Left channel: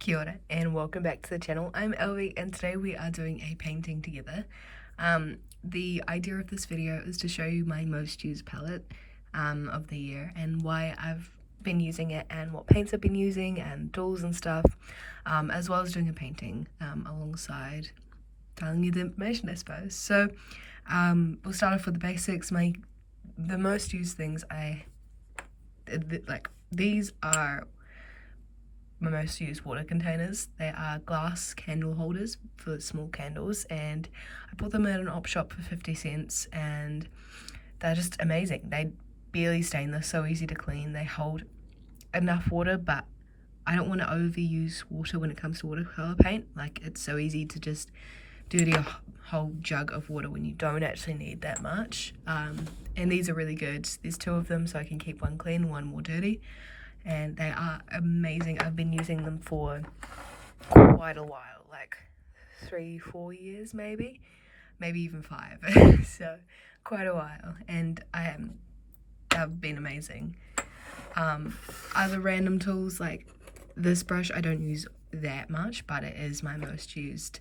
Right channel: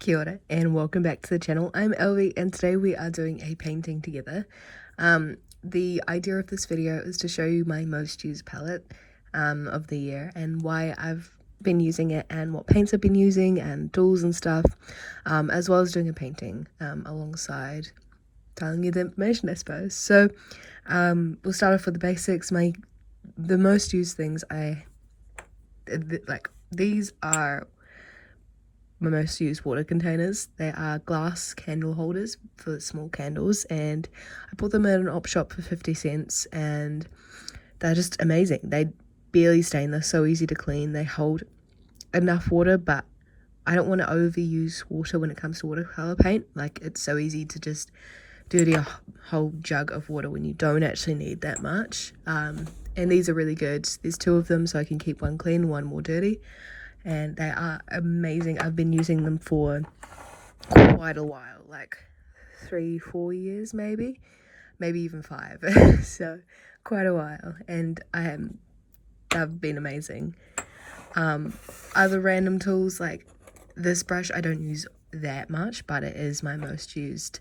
Kia ora and welcome back to the channel. I'm Elvie and today we are doing a painting together. The idea of this video is to show you my most used palette of the year and why I've been using it and what paints I've been using and tools and stuff, as well as doing a painting alongside telling you the information, I suppose. So we'll start off with the basics. The most used things these are my most used water containers. They are glass candle holders for small candles, and I bought them at an op shop for 50 cents and they're just amazing. They barely stain, they're so easy to clean, they hold enough water, but I don't want to overuse water when it comes to watercolor paint. Like, it's so easy to just dirty a whole jug of water when you don't actually need that much. And these are really good. There's two of them, so I can keep one clean, one more dirty. And they are amazing. I've been using them for quite a while, like 3-4 years maybe even 5. So quite a while, and they've been amazing. Other random tools, like this brush I don't use that much, but it is my most used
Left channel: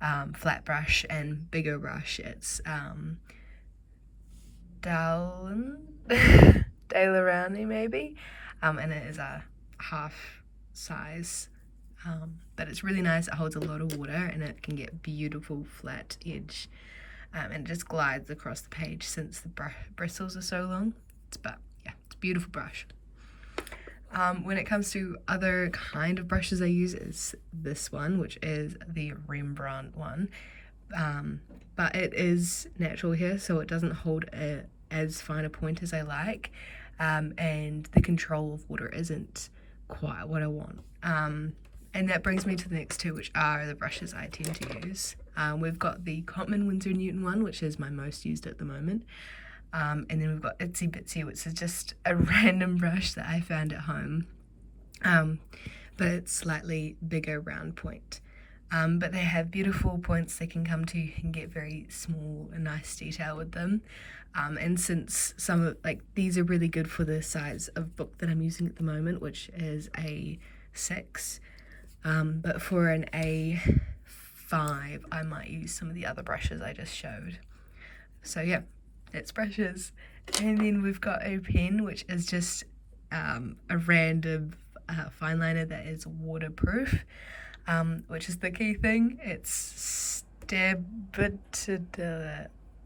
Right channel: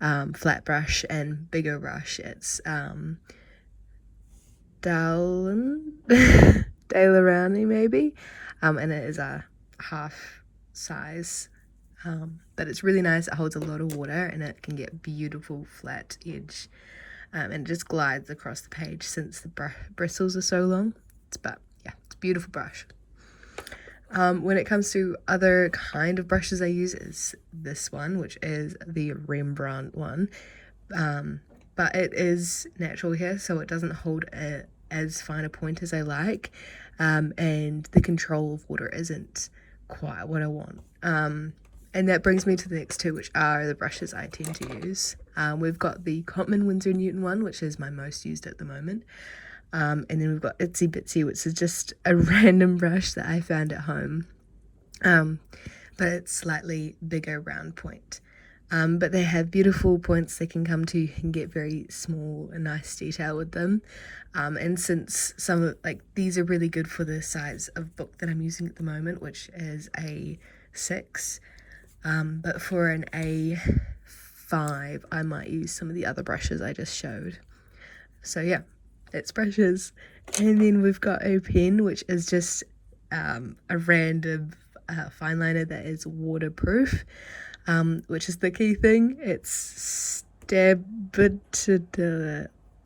flat brush and bigger brush. It's Dalerani maybe. And it is a half size, but it's really nice. It holds a lot of water and it can get beautiful flat edge, and it just glides across the page since the bristles are so long. It's a beautiful brush. When it comes to other kind of brushes I use is this one, which is the Rembrandt one, but it is natural hair, so it doesn't hold as fine a point as I like. And the control of water isn't quite what I want. And that brings me to the next two, which are the brushes I tend to use. We've got the Cotman Winsor & Newton one, which is my most used at the moment. And then we've got Itsy Bitsy, which is just a random brush that I found at home. But it's slightly bigger round point. But they have beautiful points they can come to. You can get very small and nice detail with them. And since these are really good for the size of book that I'm using at the moment, which is a 6, but for an A5 I might use some of the other brushes I just showed. So yeah, that's brushes. And then we've got a pen, which is just a random fine liner that is waterproof, which is the key thing. It's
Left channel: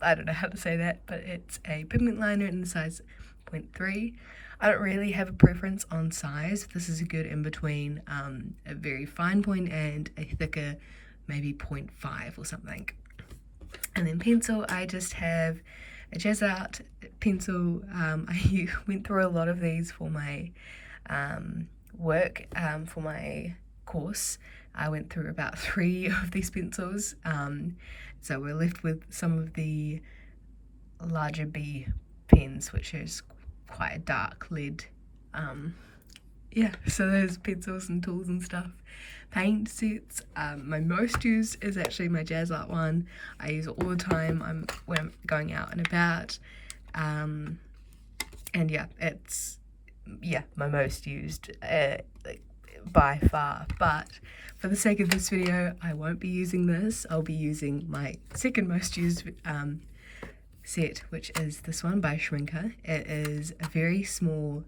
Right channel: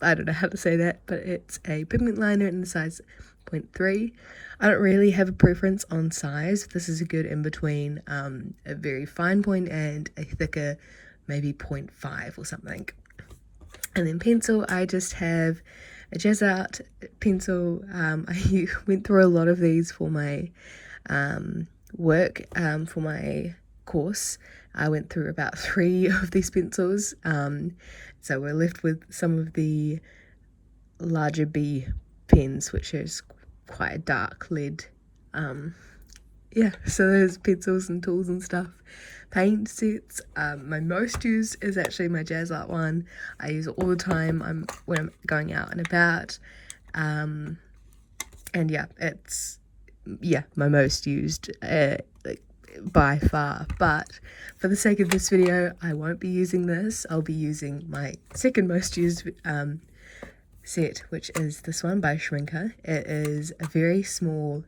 I don't know how to say that, but it's a pigment liner in the size 0.3. I don't really have a preference on size. This is a good in between a very fine point and a thicker, maybe 0.5 or something. And then pencil, I just have a Jazz Art pencil. I went through a lot of these for my work, for my course. I went through about 3 of these pencils. So we're left with some of the larger B pens, which is quite a dark lead. Yeah, so those pencils and tools and stuff. Paint sets, my most used is actually my Jazz Art one. I use it all the time when I'm going out and about. And yeah, it's my most used by far. But for the sake of this video, I won't be using this. I'll be using my second most used set, which is this one by Shrinker. It is a very small,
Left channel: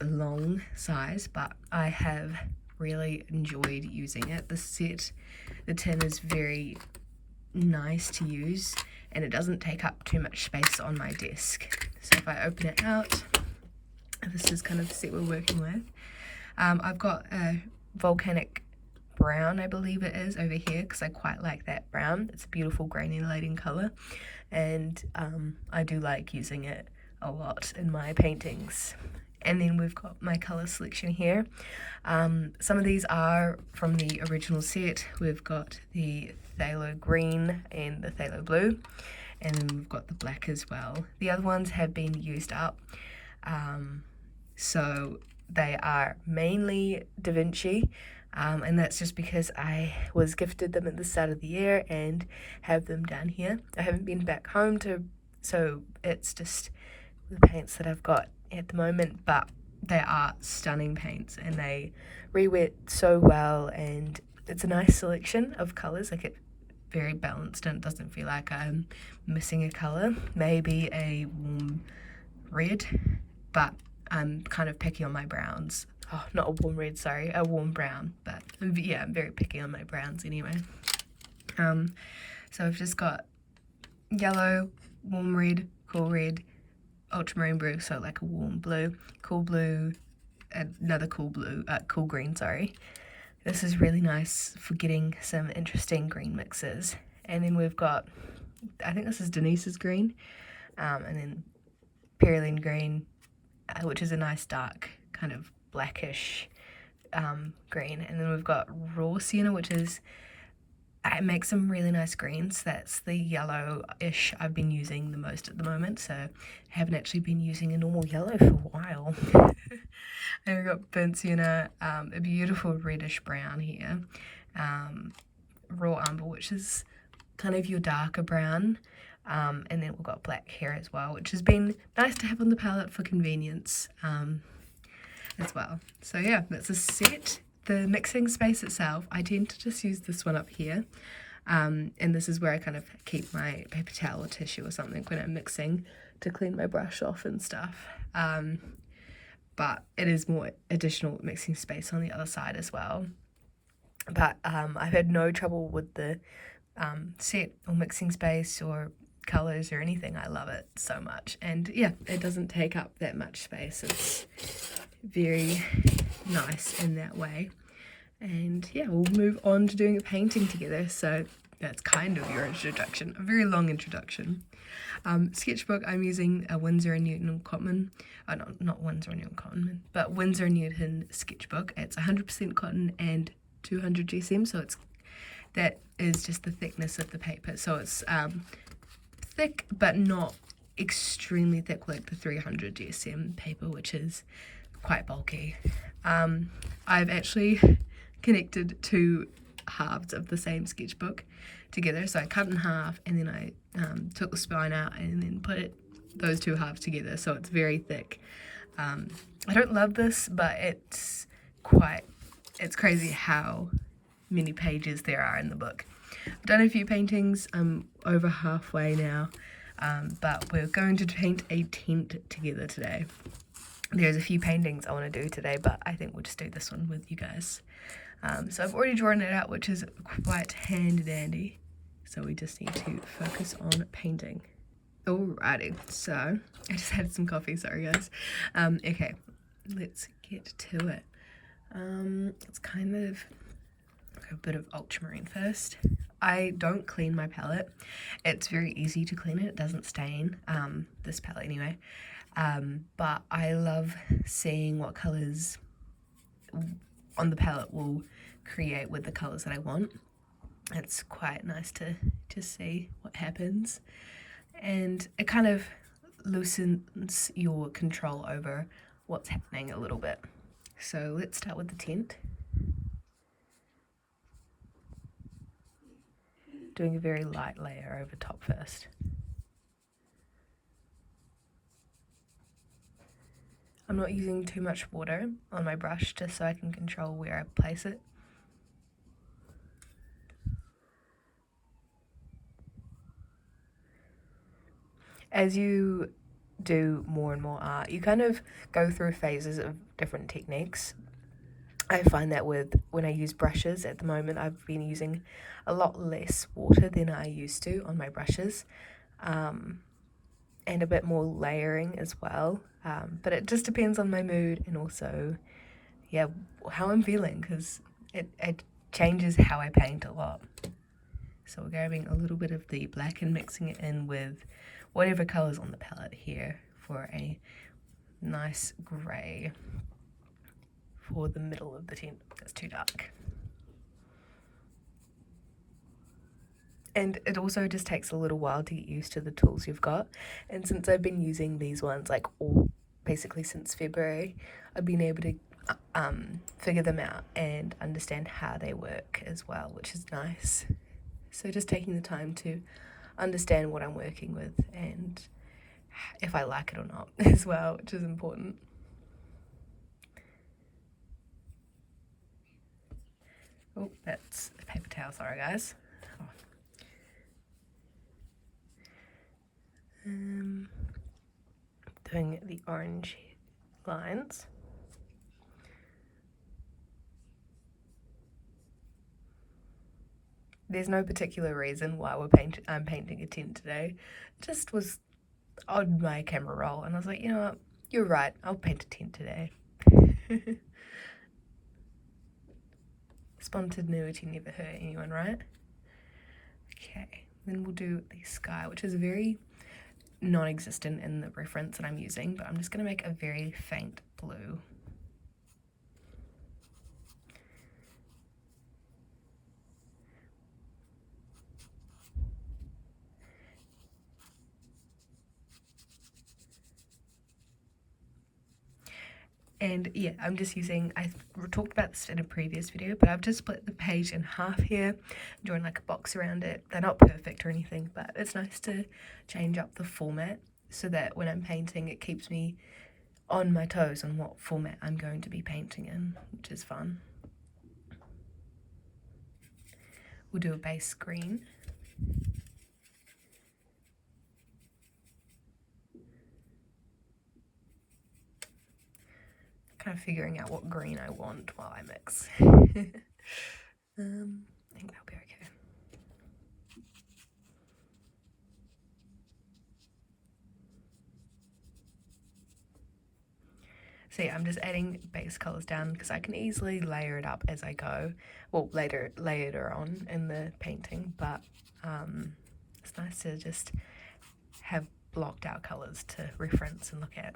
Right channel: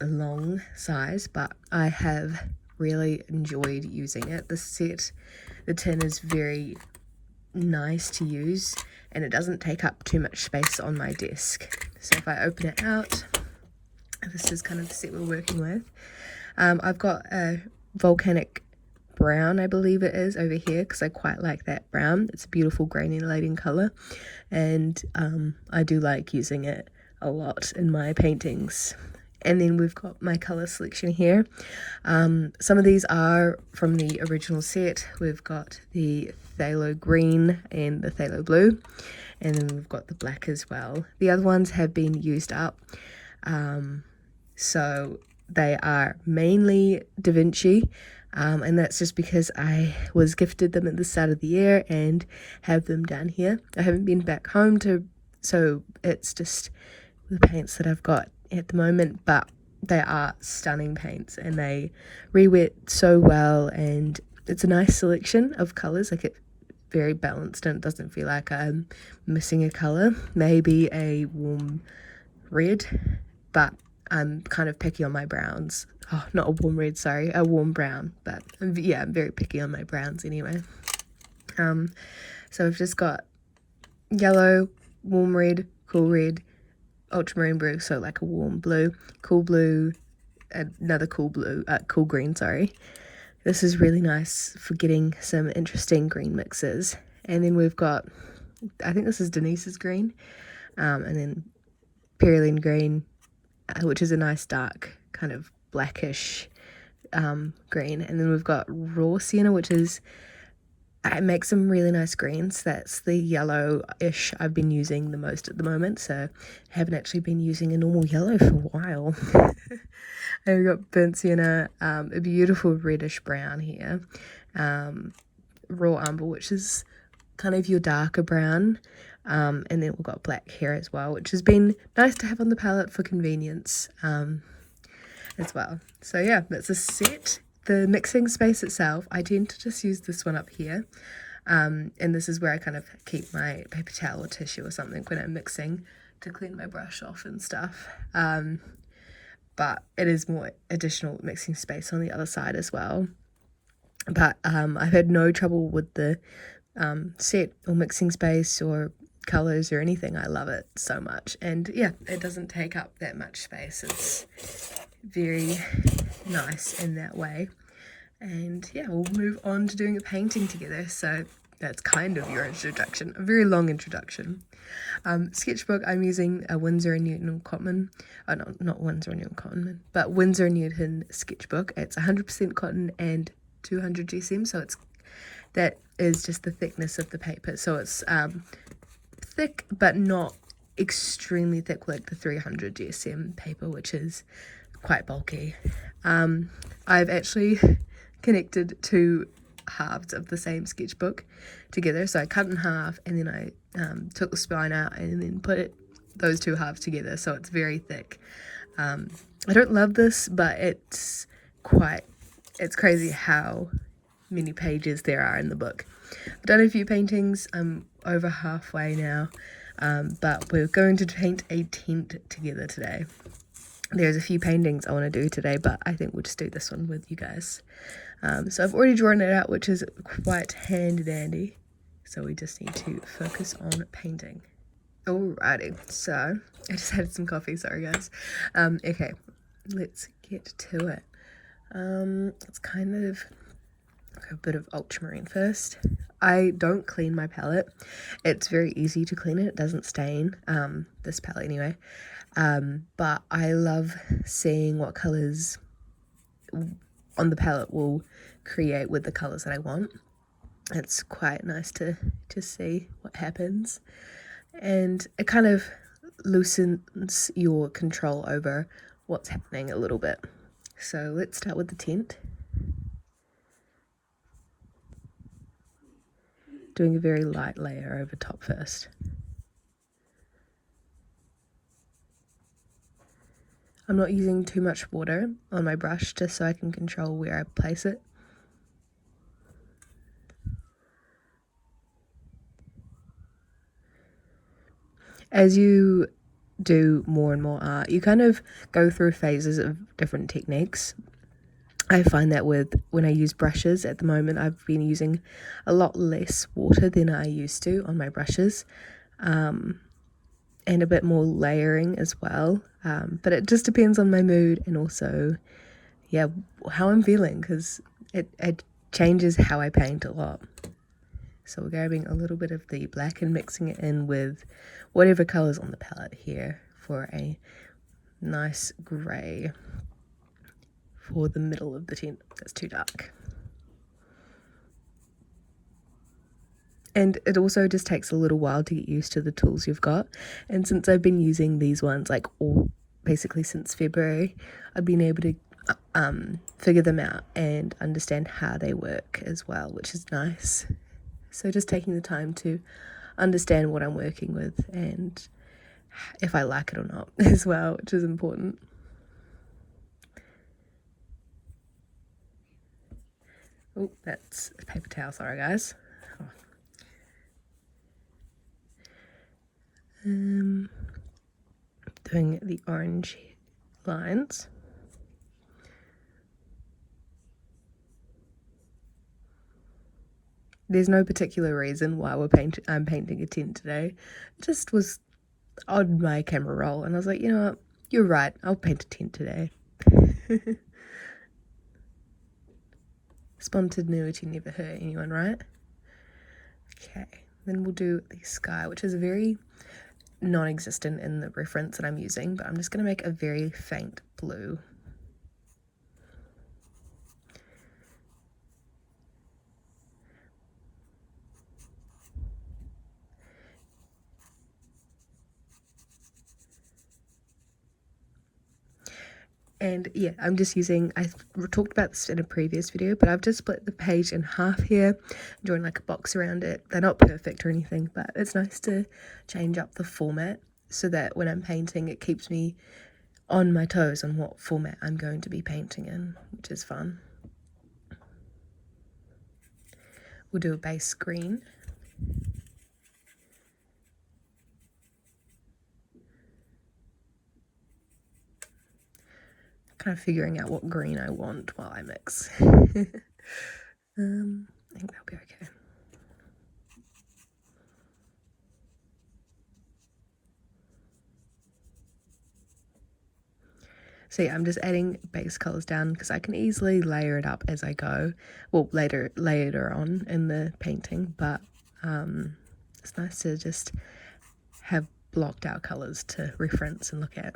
long size, but I have really enjoyed using it. The tin is very nice to use, and it doesn't take up too much space on my desk. So if I open it out, this is kind of the set we're working with. I've got a volcanic brown, I believe it is, over here, because I quite like that brown. It's a beautiful granulating colour, and I do like using it a lot in my paintings. And then we've got my colour selection here. Some of these are from the original set. We've got the phthalo green and the phthalo blue, and then we've got the black as well. The other ones have been used up, so they are mainly Da Vinci, and that's just because I was gifted them at the start of the year and have them down here. I haven't been back home so it's just the paints that I've got at the moment, but they are stunning paints, and they re-wet so well, and it's a nice selection of colours. Like, it's very balanced and it doesn't feel like I'm missing a colour. Maybe a warm red, but I'm kind of picky on my browns. Oh, not a warm red, sorry, a warm brown. But yeah, I'm very picky on my browns anyway. So I've just got yellow, warm red, cool red, ultramarine blue, so like a warm blue, cool blue, another cool blue, cool green, sorry. This is really nice for getting some interesting green mixes. And then we've got, I think this is Denise's green, and then Pearline green, which is a nice dark kind of blackish green. And then we've got raw sienna, which is, it makes some really nice greens. That's the yellow-ish I've been using the most at the moment, so I haven't actually been using a normal yellow for a while. And we've got burnt sienna, a beautiful reddish brown here, raw umber, which is kind of your darker brown, and then we've got black here as well, which has been nice to have on the palette for convenience as well. So yeah, that's a set. The mixing space itself, I tend to just use this one up here, and this is where I kind of keep my paper towel or tissue or something when I'm mixing to clean my brush off and stuff. But it is more additional mixing space on the other side as well. But I've had no trouble with the set or mixing space or colours or anything. I love it so much, and yeah, it doesn't take up that much space. It's very nice in that way. And yeah, we'll move on to doing a painting together. So that's kind of your introduction, a very long introduction. Sketchbook, I'm using a Winsor & Newton Cotton, no, not Winsor & Newton Cotton, but Winsor & Newton sketchbook. It's 100% cotton and 200 GSM, so that is just the thickness of the paper. So it's thick, but not extremely thick like the 300 GSM paper, which is quite bulky. I've actually connected two halves of the same sketchbook together, so I cut in half and then I took the spine out and then put those two halves together, so it's very thick. I don't love this, but it's crazy how many pages there are in the book. I've done a few paintings. I'm over halfway now, but we're going to paint a tent together today. There's a few paintings I want to do today, but I think we'll just do this one with you guys. So I've already drawn it out, which is quite handy dandy. So we just need to focus on painting. Alrighty, so I just had some coffee, sorry guys. Okay, let's get to it. It's kind of a bit of ultramarine first. I don't clean my palette. It's very easy to clean it. It doesn't stain, this palette anyway. But I love seeing what colours on the palette will create with the colours that I want. It's quite nice to see what happens, and it kind of loosens your control over what's happening a little bit. So let's start with the tent. Doing a very light layer over top first. I'm not using too much water on my brush just so I can control where I place it. As you do more and more art, you kind of go through phases of different techniques. I find that when I use brushes at the moment, I've been using a lot less water than I used to on my brushes, and a bit more layering as well. But it just depends on my mood and also, yeah, how I'm feeling, because it changes how I paint a lot. So we're grabbing a little bit of the black and mixing it in with whatever colour's on the palette here for a nice grey for the middle of the tent. That's too dark. And it also just takes a little while to get used to the tools you've got. And since I've been using these ones basically since February, I've been able to figure them out and understand how they work as well, which is nice. So just taking the time to understand what I'm working with and if I like it or not as well, which is important. Oh, that's a paper towel, sorry guys. Oh. Doing the orange lines. There's no particular reason why I'm painting a tent today. It just was on my camera roll, and I was like, you know what, you're right, I'll paint a tent today. Spontaneity never hurt anyone, right? Okay, then we'll do the sky, which is very non-existent in the reference that I'm using, but I'm just going to make a very faint blue. And yeah, I'm just using, I talked about this in a previous video, but I've just split the page in half here, drawn like a box around it. They're not perfect or anything, but it's nice to change up the format so that when I'm painting, it keeps me on my toes on what format I'm going to be painting in, which is fun. We'll do a base green. Kind of figuring out what green I want while I mix. I think that'll be okay. So yeah, I'm just adding base colors down because I can easily layer it up as I go. Well, later on in the painting, but it's nice to just have blocked out colors to reference and look at.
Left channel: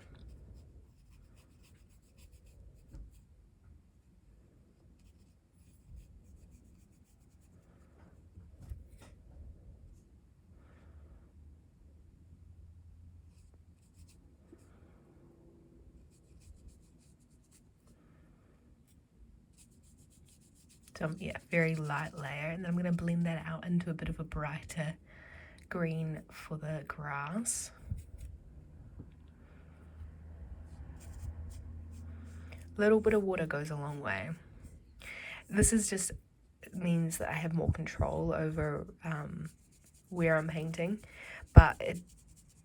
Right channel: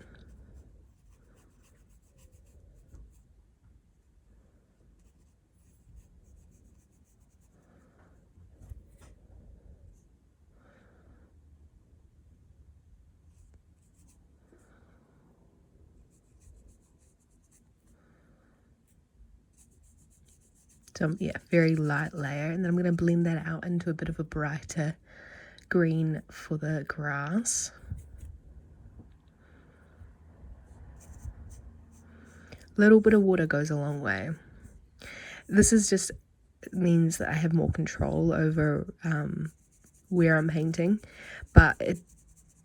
So yeah, very light layer, and then I'm going to blend that out into a bit of a brighter green for the grass. A little bit of water goes a long way. This is just means that I have more control over where I'm painting, but it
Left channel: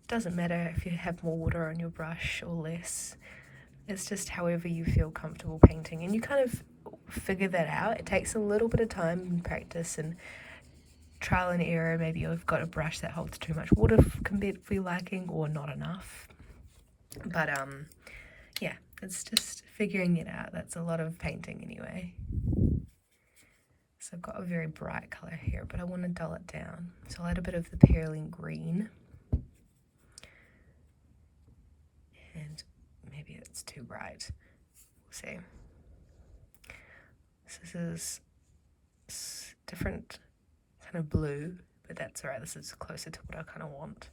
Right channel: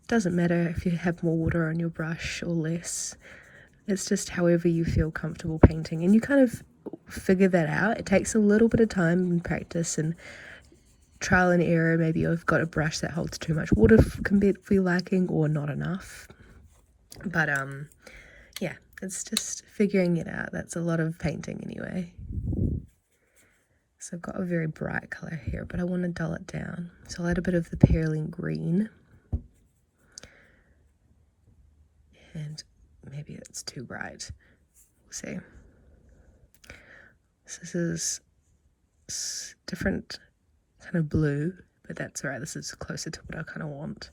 doesn't matter if you have more water on your brush or less. It's just however you feel comfortable painting, and you kind of figure that out. It takes a little bit of time and practice and trial and error. Maybe you've got a brush that holds too much water for your liking or not enough, but yeah, it's just figuring it out. That's a lot of painting anyway. So I've got a very bright color here, but I want to dull it down, so I'll add a bit of the Perylene green, and maybe it's too bright. We'll see. So this is different kind of blue, but that's alright. This is closer to what I kind of want.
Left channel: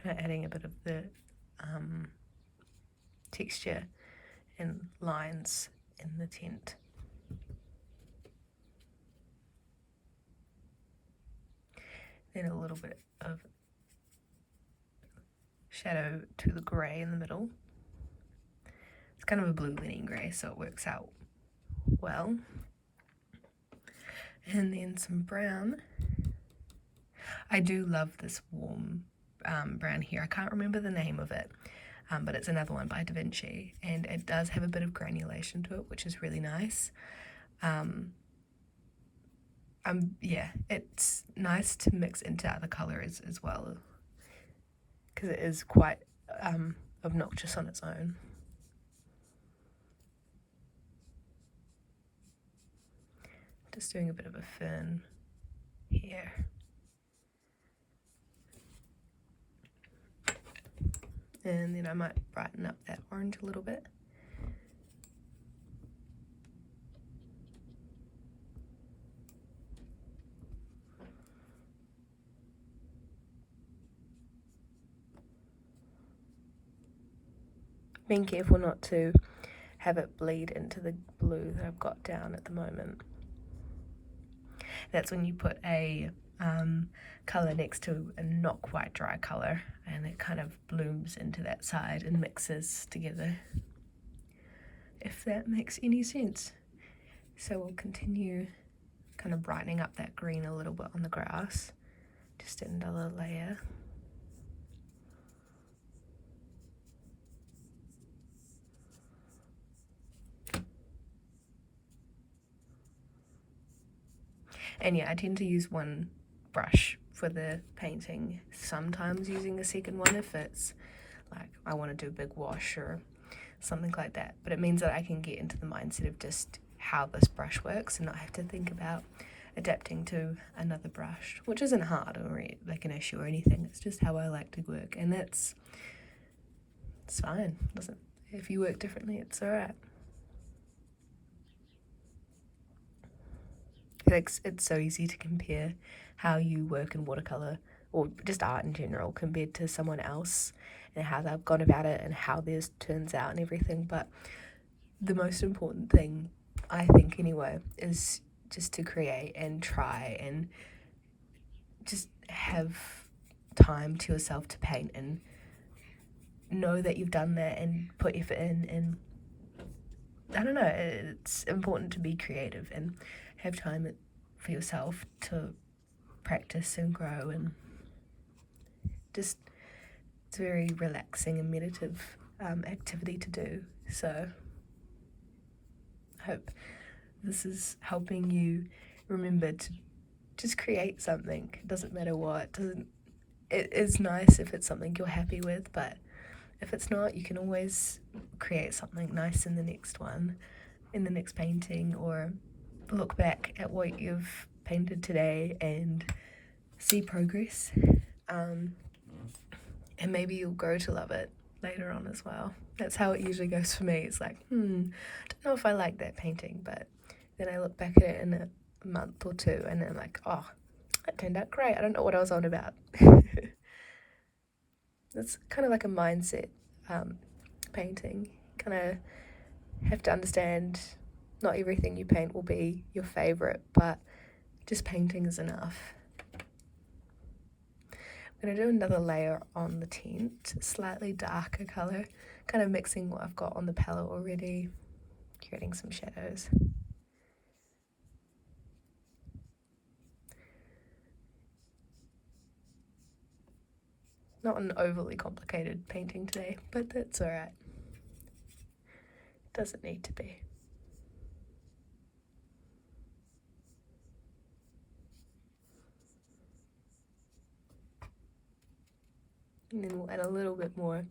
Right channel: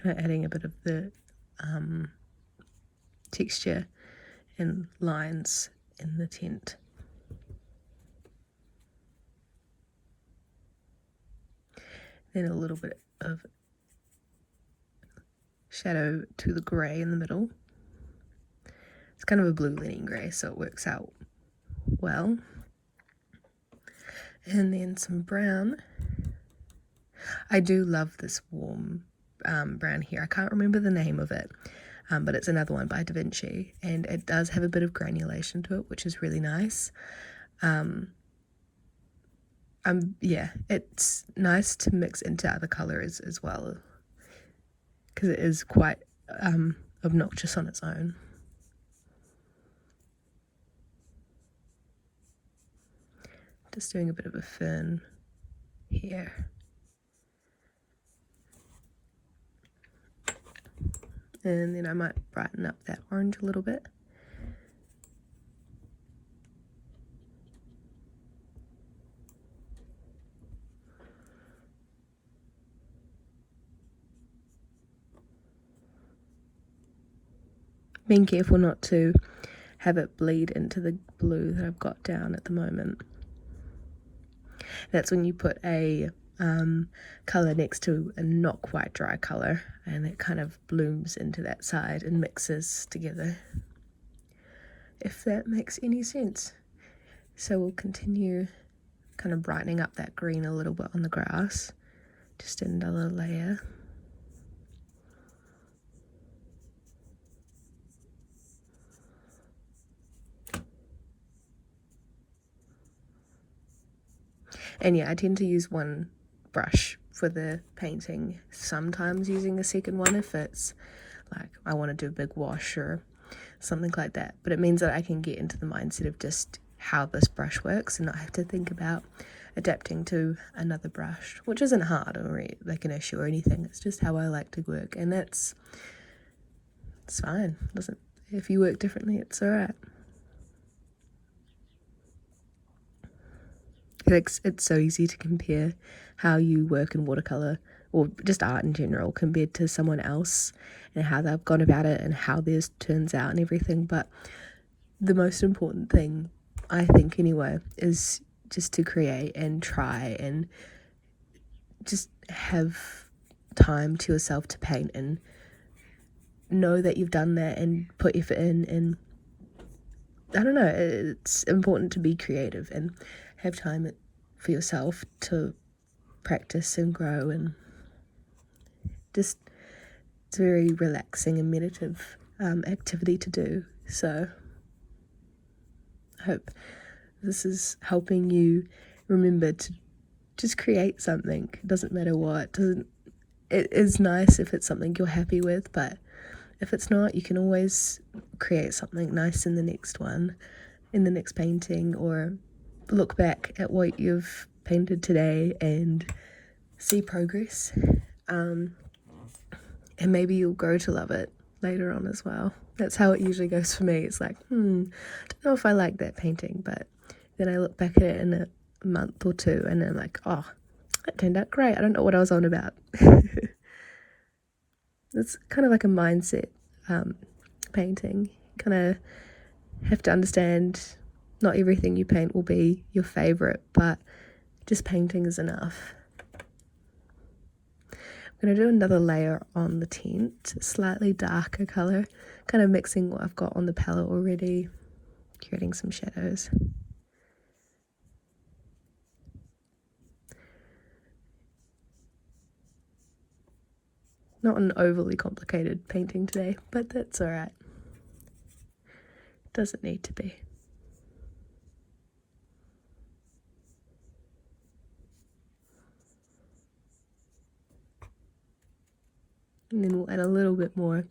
Kind of adding a bit of the texture and lines in the tent. Then a little bit of shadow to the grey in the middle. It's kind of a blue leaning grey, so it works out well. And then some brown. I do love this warm brown here. I can't remember the name of it, but it's another one by Da Vinci, and it does have a bit of granulation to it, which is really nice. Yeah, it's nice to mix into other colours as well, because it is quite obnoxious on its own. Just doing a bit of a fern here. And then I might brighten up that orange a little bit. Being careful not to have it bleed into the blue that I've got down at the moment. That's when you put a colour next to a not quite dry colour, and it kind of blooms into that side and mixes together, if that makes any sense. So we'll continue kind of brightening up that green a little bit on the grass, just another layer. And yeah, I tend to use one brush for the painting, sometimes using a second one if it's like I want to do a big wash or something like that, but it means that I can get into the mindset of just how this brush works and not have to think about adapting to another brush, which isn't hard or like an issue or anything. It's just how I like to work, and it's fine. Doesn't, if you work differently, it's alright. It's so easy to compare how you work in watercolour or just art in general compared to someone else and how they've gone about it and how theirs turns out and everything, but the most important thing, I think anyway, is just to create and try and just have time to yourself to paint and know that you've done that and put effort in. And I don't know, it's important to be creative and have time for yourself to practice and grow, and just it's a very relaxing and meditative activity to do. So I hope this is helping you remember to just create something. It doesn't matter what. It is nice if it's something you're happy with, but if it's not, you can always create something nice in the next one, in the next painting, or look back at what you've painted today and see progress, and maybe you'll grow to love it later on as well. That's how it usually goes for me. It's like, I don't know if I like that painting, but then I look back at it in a month or two and I'm like, oh, that turned out great. I don't know what I was on about. It's kind of like a mindset painting. You kind of have to understand not everything you paint will be your favourite, but just painting is enough. I'm going to do another layer on the tent, slightly darker colour, kind of mixing what I've got on the palette already, creating some shadows. Not an overly complicated painting today, but that's alright. Doesn't need to be. And then we'll add a little bit more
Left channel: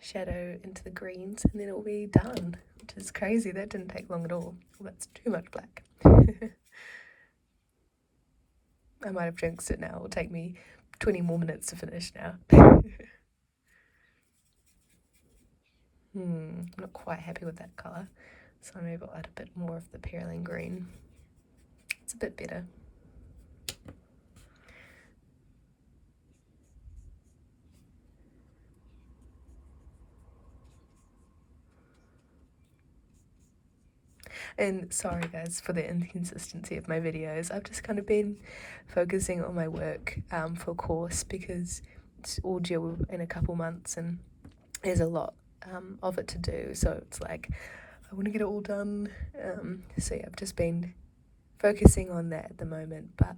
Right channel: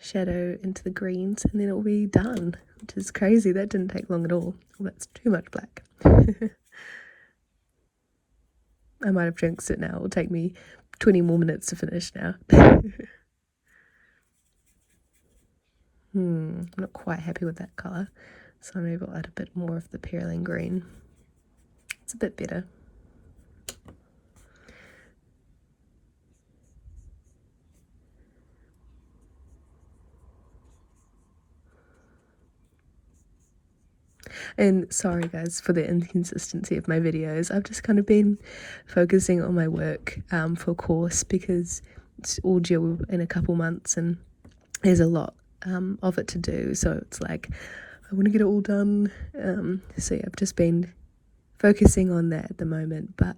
shadow into the greens, and then it'll be done, which is crazy. That didn't take long at all. That's too much black. I might have jinxed it now. It will take me 20 more minutes to finish now. I'm not quite happy with that colour, so maybe I'll add a bit more of the perylene green. It's a bit better. And sorry guys for the inconsistency of my videos. I've just kind of been focusing on my work for course, because it's all due in a couple months and there's a lot of it to do, so it's like I want to get it all done. So yeah, I've just been focusing on that at the moment, but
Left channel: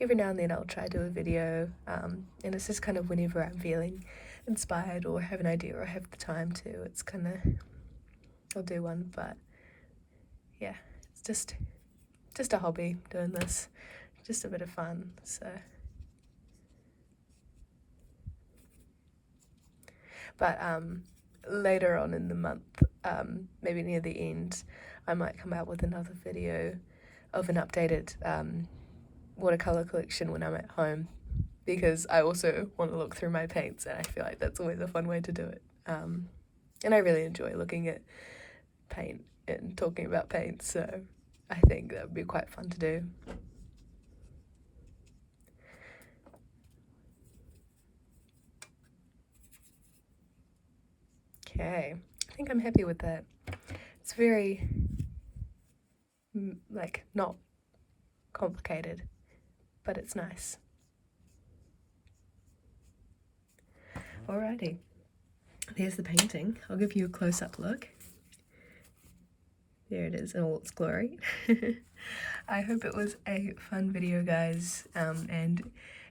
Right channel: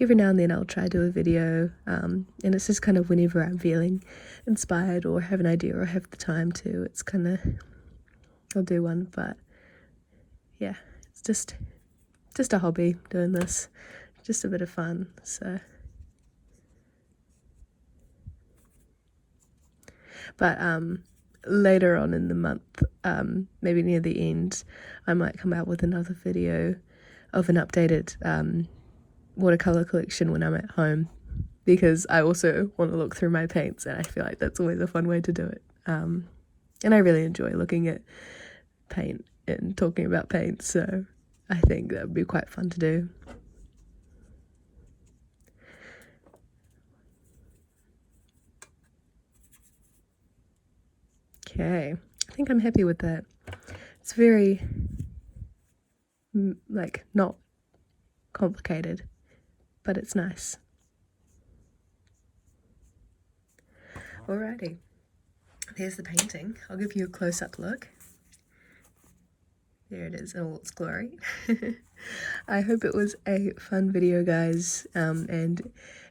every now and then I'll try to do a video, and it's just kind of whenever I'm feeling inspired or have an idea or have the time to, it's kind of, I'll do one. But yeah, it's just a hobby doing this, just a bit of fun. So but later on in the month, maybe near the end, I might come out with another video of an updated watercolour collection when I'm at home, because I also want to look through my paints, and I feel like that's always a fun way to do it. And I really enjoy looking at paint and talking about paint, so I think that would be quite fun to do. Okay, I think I'm happy with that. It's very, like, not complicated, but it's nice. Alrighty, there's the painting. I'll give you a close-up look. There it is in all its glory. I hope it was a fun video, guys, and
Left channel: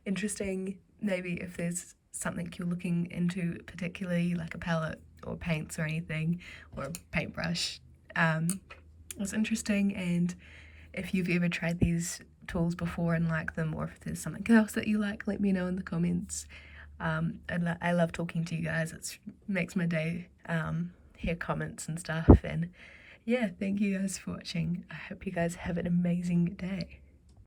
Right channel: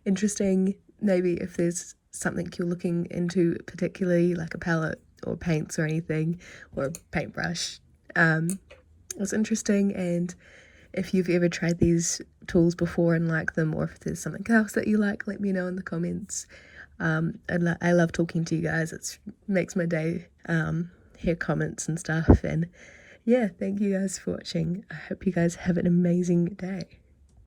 interesting. Maybe if there's something you're looking into particularly, like a palette or paints or anything, or a paintbrush, was interesting. And if you've ever tried these tools before and like them, or if there's something else that you like, let me know in the comments. I love talking to you guys. It makes my day, hear comments and stuff. And yeah, thank you guys for watching. I hope you guys have an amazing day.